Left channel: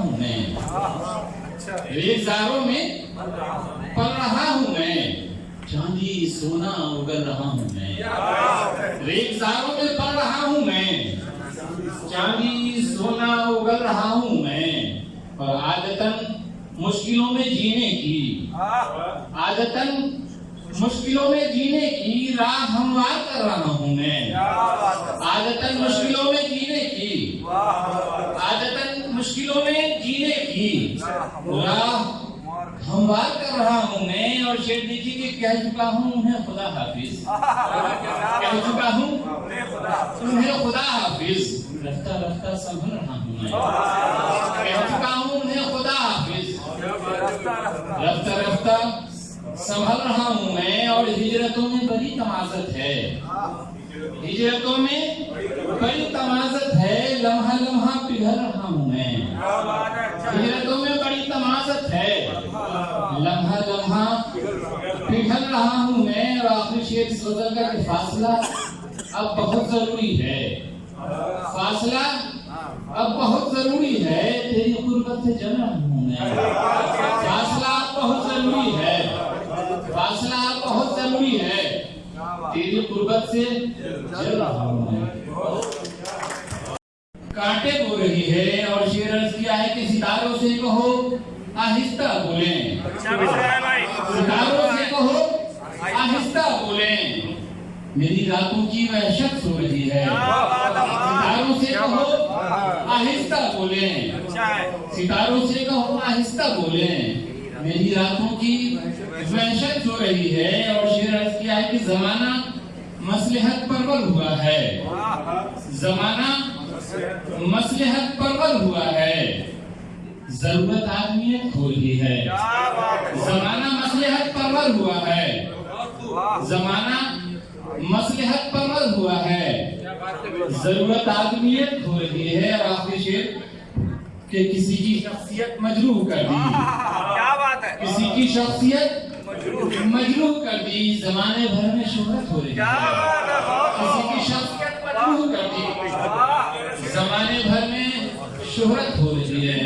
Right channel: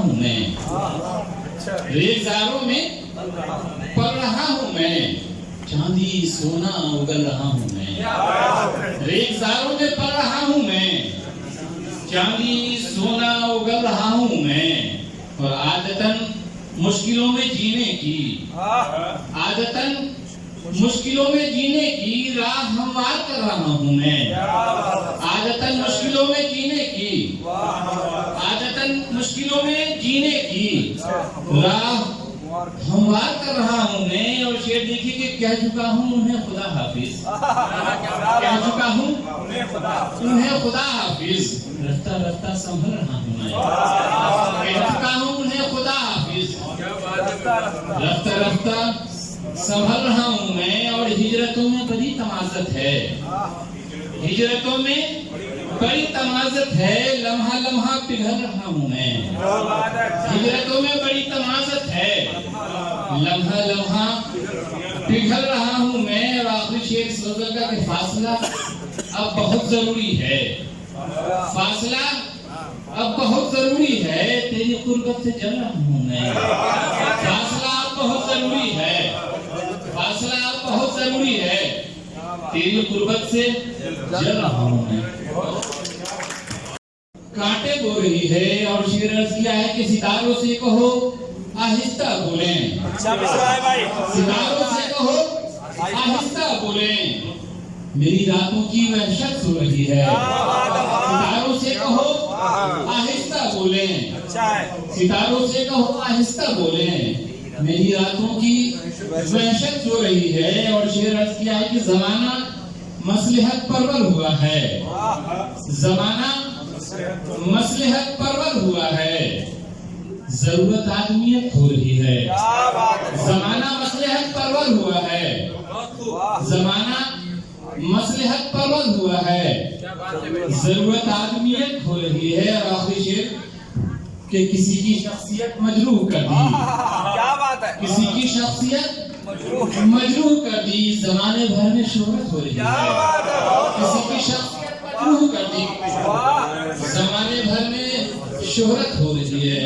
हूँ मैं, रेगिस्तानों में पल रहा हूँ मैं, चांदी सोना उगल रहा हूँ मैं। रेगिस्तानों में पल रहा हूँ मैं, चांदी सोना उगल रहा हूँ मैं। और आदतन मुश्किलों में जीने की, आदतन मुश्किलों में जीने की राह हमवार कर रहा हूँ मैं। आदतन मुश्किलों में जीने की, आदतन मुश्किलों में जीने की राह हमवार कर रहा हूँ मैं। और शेर देखिए कि कह चुका हूँ उन्हें खुदा हाफिज, कह चुका हूँ उन्हें खुदा हाफिज। रफ्ता रफ्ता संभल रहा हूँ मैं, कह चुका हूँ उन्हें खुदा हाफिज। रफ्ता रफ्ता संभल रहा हूँ मैं। और हिजरतों में बड़ी तमाज़त है, हिजरतों में बड़ी तमाज़त है, लम्हा लम्हा पिघल रहा हूँ मैं। हिजरतों में बड़ी तमाज़त है, लम्हा लम्हा पिघल रहा हूँ मैं। और आखिरी शेर इस गज़ल का कि फासला अब बहुत जरूरी है, फासला अब बहुत जरूरी है, तेरी कुर्बत से जल रहा हूँ मैं। फासला अब बहुत जरूरी है, फासला अब बहुत जरूरी है, तेरी कुर्बत से जल रहा हूँ मैं। कांटे बो रही है और शेर अर्ज किया है कि सितारों से कहो आहिस्ता बोलें, सितारों से कहो आहिस्ता बोलें, मेरी रातों की वहशत सो रही है। सितारों से कहो आहिस्ता बोलें, सितारों से कहो आहिस्ता बोलें, मेरी रातों की वहशत सो रही है। और शेर अर्ज किया है कि जमाना मसलहत परवर हुआ है, जमाना मसलहत परवर हुआ है, जरूरत आदमियत हो रही है। जमाना मसलहत परवर हुआ है, जमाना मसलहत परवर हुआ है, जरूरत आदमियत हो रही है। और आखिरी शेर कि किसी की शख्सियत मजरूह कर दी, क्या बात है, किसी की शख्सियत मजरूह कर दी, जमाने भर में शोहरत हो रही है। किसी की शख्सियत मजरूह कर दी, जमाने भर में शोहरत हो रही है।